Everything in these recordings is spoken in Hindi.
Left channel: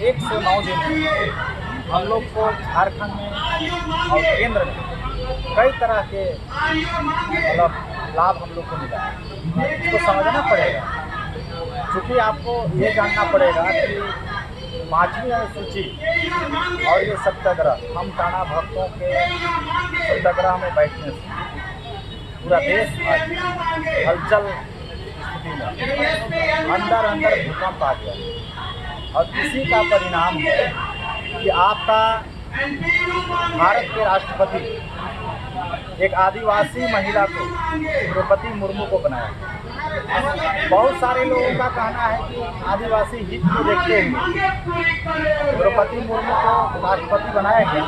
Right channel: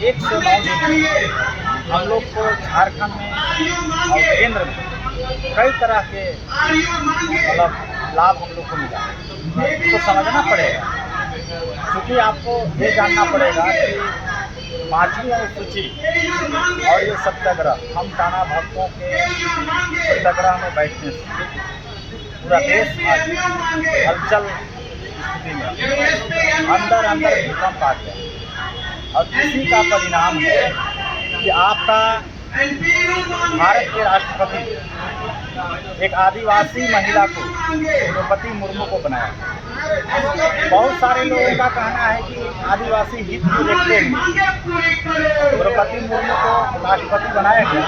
109 दिन हम लोग को झारखंड में और केंद्र में कई तरह के मतलब लाभ हम लोग को मिला है। इसको समझना पड़ेगा, क्योंकि आपको ये जानना पड़ेगा कि 5वीं अनुसूची और ये सत्याग्रह, हम टाना भक्तों के सत्याग्रह में बैठने से पूरा देश आज हलचल स्थिति में अंदर भूकंप आ गया। और इसी का परिणाम है कि आपका भारत के राष्ट्रपति एक आदिवासी महिला को, द्रौपदी मुर्मू को बनाया। बहुत सारे लोगों का कहना है कि आदिवासी हित को देखते हुए द्रौपदी मुर्मू को राष्ट्रपति बनाया गया,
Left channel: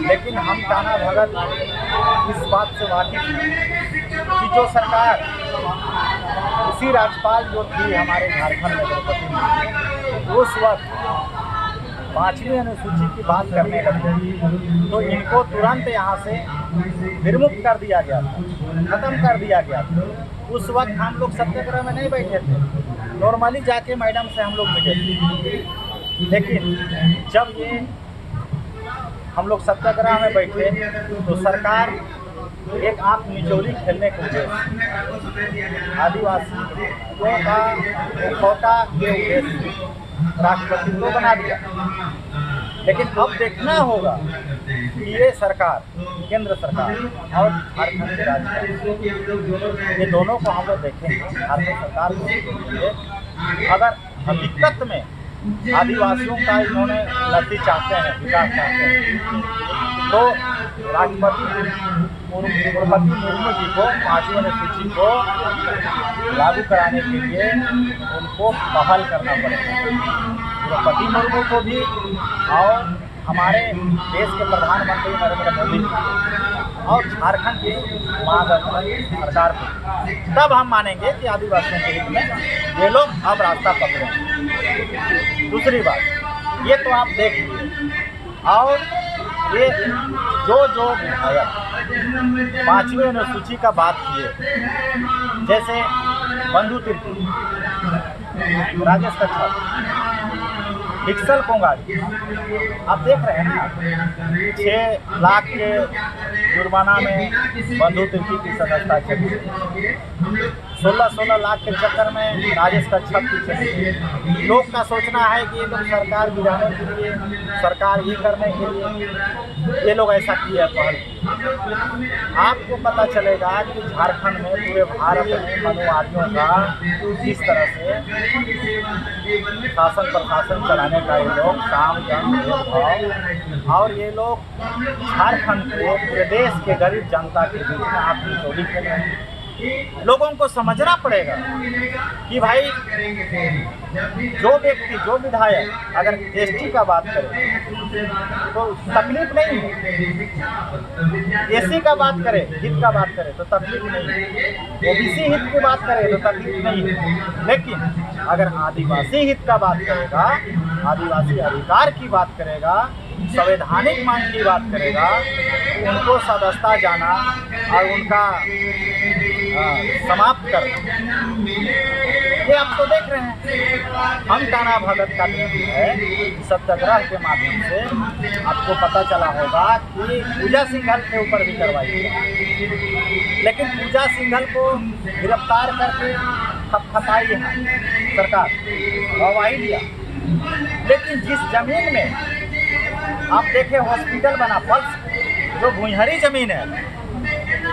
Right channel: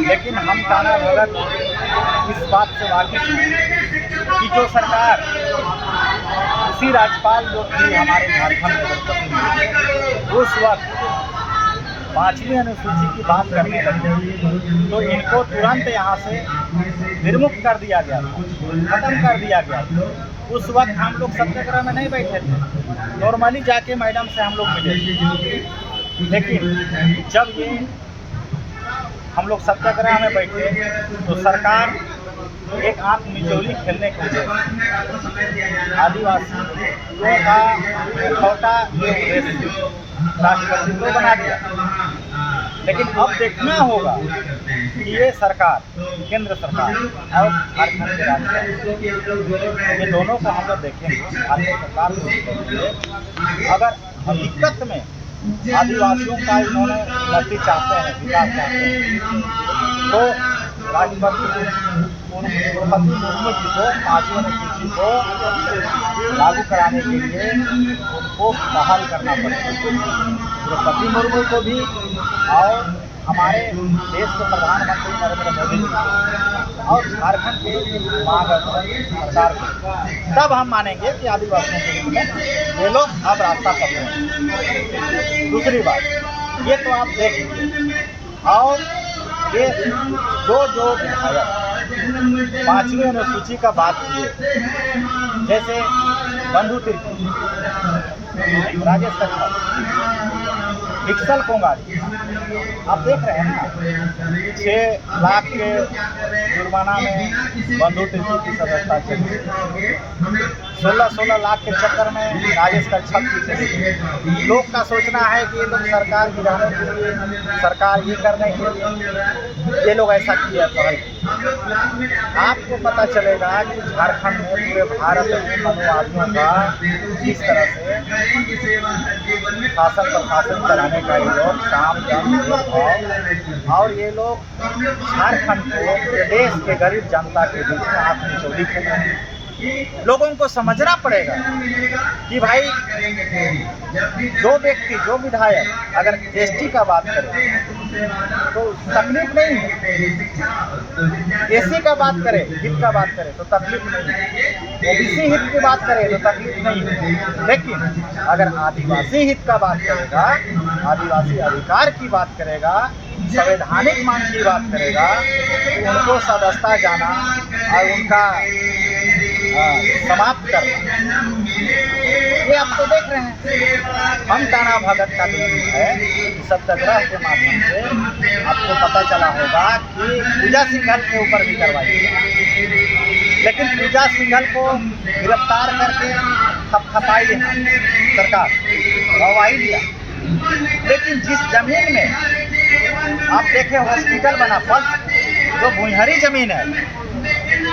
लेकिन हम टाना भगत इस बात से वाकिफ हैं कि जो सरकार इसी राज्यपाल जो थी हमारे झारखंड में द्रौपदी मुर्मू, उस वक्त 5वीं अनुसूची की बात करने लगी तो इनको तुरंत यहाँ से निर्मुक्त कर दिया गया था, ख़त्म कर दिया गया था। उस वक्त हम लोग सत्याग्रह में नहीं बैठे थे, नॉर्मली जाके मैडम से हम लोग मिले थे। लेकिन जब ये हम लोग सत्याग्रह में बैठे तो सरकार एक आंख मिचौली खेलने के उद्देश्य आदिवासियों का मुखौटा के उद्देश्य राष्ट्रपति को बना दिया। लेकिन अब देखना होगा कि ये सरकार, केंद्र सरकार और झारखंड के राज्य, ये दोनों को हम लोग देखेंगे, झारखंड सरकार को भी देखेंगे। अगर हकीकत में आदिवासियों का इन्होंने उन्नति चाहते हैं, विकास चाहते हैं, तो राष्ट्रपति द्रौपदी मुर्मू जी को 5वीं अनुसूची को लागू कराने के लिए उनको बहाल करना पड़ेगा। द्रौपदी मुर्मू को भी और हमारे देश के प्रधानमंत्री नरेंद्र मोदी जी और झारखंड के महागठबंधन सरकार को, तब हम मानेंगे कि आदिवासियों के हित में ये लोग अब रास्ता पकड़े हैं। दूसरी बात, ये तो आप देख लीजिए, और ये जो विधायक 5वीं अनुसूची का बात किए, जैसे बंधु तिर्की, राजेश कच्छप, डिक्सल कोंगाड़ी, आप देख रहे हैं ना, 6 लाख के जुर्माना में बंधु तिर्की की सदस्यता चली, 16 लाख के चक्कर में राजेश कच्छप की चली। लोग का सोचना है कि ये लोग सरकार गिराने के लिए, सरकार ये करने के लिए ये लोग ऐसा किया पहल की। आपको पता चलेगा कि झारखंड में, पूरे भारत में मनुवादियों का किस तरह से शासन प्रशासन चलाने का ये लोग काम भेदभाव, और ये लोग झारखंड को, प्रदेश के गरीब जनता के बीच में आंख मिचौली खेल रहे हैं। लोगों को समझना पड़ेगा कि भाई जो व्यक्ति, जो विधायक अगर एसटी का बात करे तो तकलीफ नहीं है, एससी का बात करे, हित का बात करे तो तकलीफ नहीं है, ओबीसी हित की बात करे तो तकलीफ नहीं है। लेकिन अगर आदिवासी हित का बात करेगा, आदिवासी अधिकार की बात करेगा, संवैधानिक मांग की बात करेगा, तो उनको सदस्यता जाना और उनका समाप्त करना, ये आप तो देख रहे हैं। हम टाना भगत का दिन है, सत्याग्रह के माध्यम से आपको पता चला होगा कि पूजा सिंघल के ऊपर भी कार्रवाई किया, लेकिन पूजा सिंघल को गिरफ्तार करके थपथपाई है सरकार, गवाही दिया। लेकिन जिस जमीन में आप देखें हॉस्पिटल बना, पल्स जो भुइहरी जमीन है,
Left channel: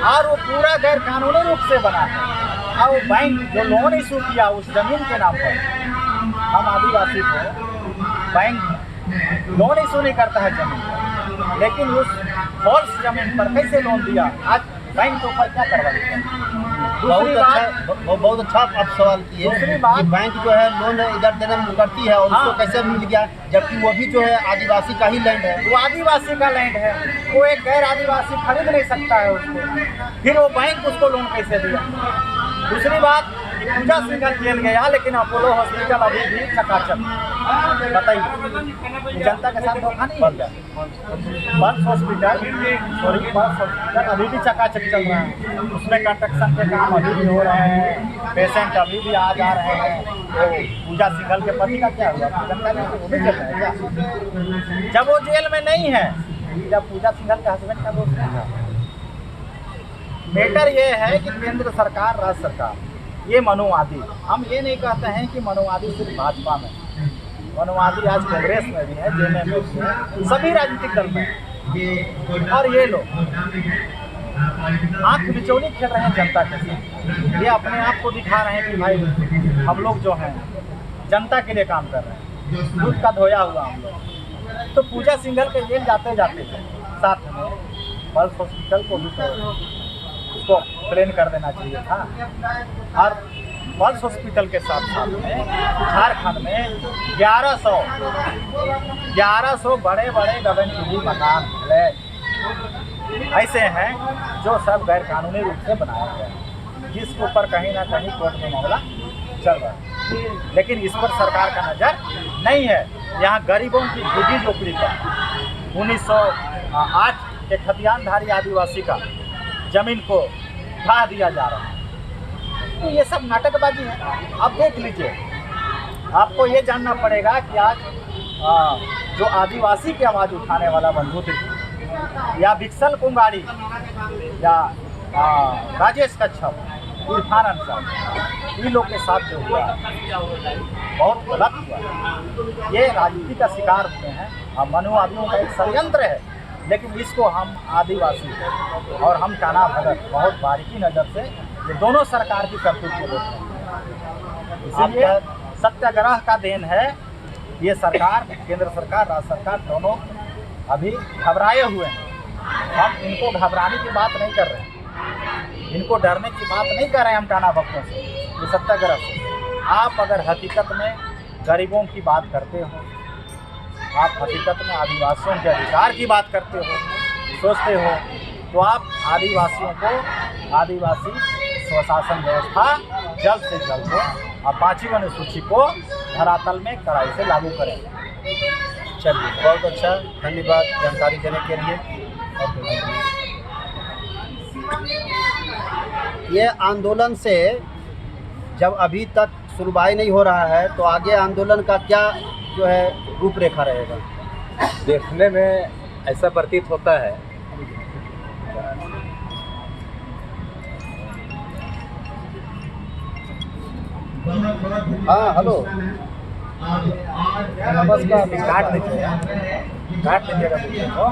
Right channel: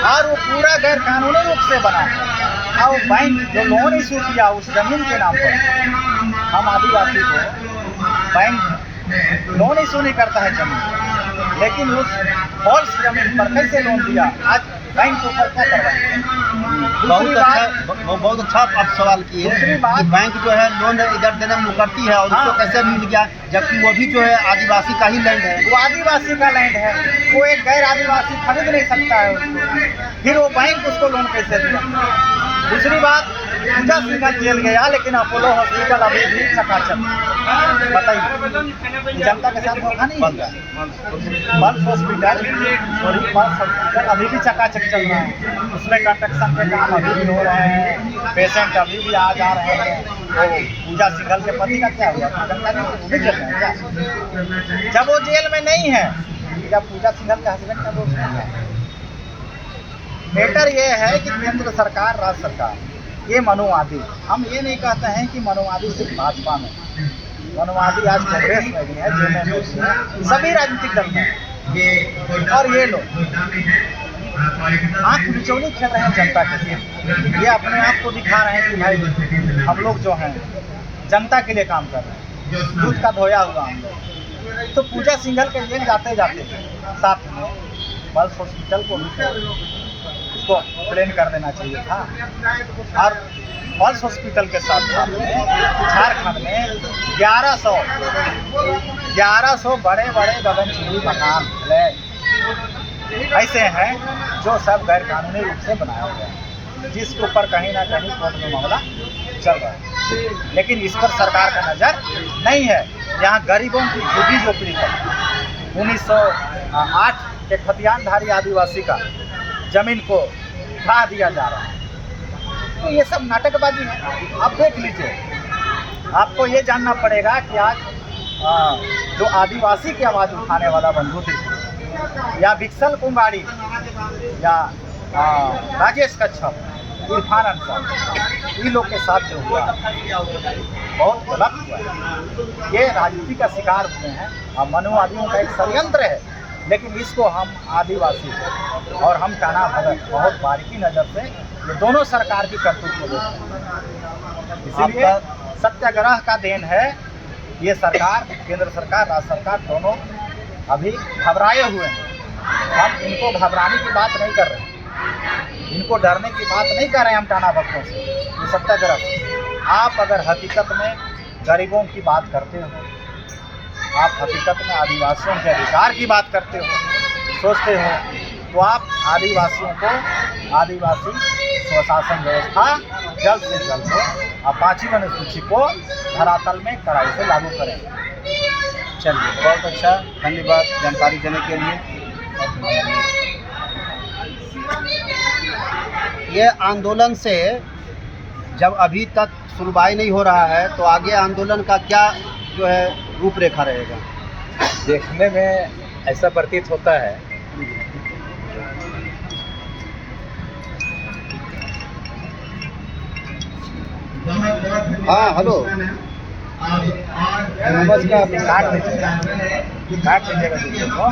और वो पूरा गैर कानूनी रूप से बना है, और वो बैंक जो लोन इशू किया उस जमीन के नाम पर, हम आदिवासी को बैंक लोन इशू नहीं करता है जमीन पर, लेकिन उस फॉल्स जमीन पर कैसे लोन दिया, आज बैंक के ऊपर क्या कार्रवाई? बहुत अच्छा आप सवाल किए। दूसरी बात, बैंक जो है लोन इधर देने में करती है और उसको कैसे मिल गया, जबकि वो भी जो है आदिवासी का ही लैंड है। वो आदिवासी का लैंड है, वो एक गैर आदिवासी खरीद नहीं सकता है उसको, फिर वो बैंक उसको लोन कैसे दिया? दूसरी बात, पूजा सिंघल जेल गया, लेकिन अपोलो हॉस्पिटल अभी भी चकाचक। बताइए, जनता के साथ धोखा नहीं होगा। पल्स हॉस्पिटल अभी भी चकाचक चल रहा है, उसमें कंस्ट्रक्शन के काम अभी भी हो रहे हैं, पेशेंट अभी भी आ जा रहे हैं। तो पूजा सिंघल के पति का क्या हुआ, जानकारी है? वो भी चल रहा है क्या? जब वो जेल में नहीं है, जब पूजा सिंघल के हस्बैंड का दोस्त नहीं है। मैटर ये है कि केंद्र सरकार, राज्य सरकार, ये मनुवादी, हम ये नहीं कहते हैं कि मनुवादी सिर्फ भाजपा में, मनुवादी आज कांग्रेस में भी है, जेएमएम में भी है, सभी राजनीतिक दल में है। और ये लोग आंख बिचौली खेल रहे हैं जनता के साथ। ये अपने आप को दिखा रहे हैं कि भाई हम लोग जो हैं जनता के लिए काम कर रहे हैं, दूध का धोया हुआ हम लोग। तो पूजा सिंघल के जेल जाते जाते साथ में पल्स हॉस्पिटल को भी तो उसको ट्रेन कर देना चाहिए था। और पल्स हॉस्पिटल के साथ साथ में झारखंड में 1100 बड़े बड़े गगनचुंबी मकान फ्लैट ऐसे हैं जो सब गैर कानूनी रूप से बनाया गया है, जिसके ऊपर कहीं ना कहीं कोर्ट में मामला चल रहा है। लेकिन इस पर सरकार का नज़र नहीं है। यहाँ गरीबों की झुग्गी झोपड़ी पर 1908 के खतियानधारी आदिवासी का जमीन को ढा दिया जा रहा है। तो ये सब नाटकबाजी है। आप देख लीजिए, आपको ये जानना पड़ेगा कि आज जो आदिवासी की आवाज़ उठाने वाला बंधु त्रिपुरी या विक्सल कुंगाड़ी या राजेश कच्छप, इरफान अंसारी, इन लोग के साथ जो हुआ बहुत गलत हुआ है। ये राजनीति का शिकार हुए हैं और मनुवादियों का एक षड्यंत्र है। लेकिन इसको हम आदिवासी और हम टाना भगत बहुत बारीकी नज़र से ये दोनों सरकार की करतूत को देखते हैं। इसीलिए सत्याग्रह का देन है। ये सरकार, केंद्र सरकार, राज्य सरकार दोनों अभी घबराए हुए हैं। हम इनको घबराने की बात नहीं कर रहे हैं, इनको डरने की बात नहीं कर रहे हैं हम टाना भक्तों से, ये सत्याग्रह से। आप अगर हकीकत में गरीबों की बात करते हो, आप हकीकत में आदिवासियों के अधिकार की बात करते हो, सोचते हो, तो आप आदिवासियों को आदिवासी स्वशासन व्यवस्था जल्द से जल्द हो और 5वीं अनुसूची को धरातल में कड़ाई से लागू करें। चलिए, बहुत अच्छा, धन्यवाद जानकारी देने के लिए। ये आंदोलन से जब अभी तक सुनवाई नहीं हो रहा है, तो आगे आंदोलन का क्या जो है रूपरेखा रहेगा? देखने में ऐसा प्रतीत होता है हाँ, हेलो, नमस्कार। काट दीजिएगा दूसरे को।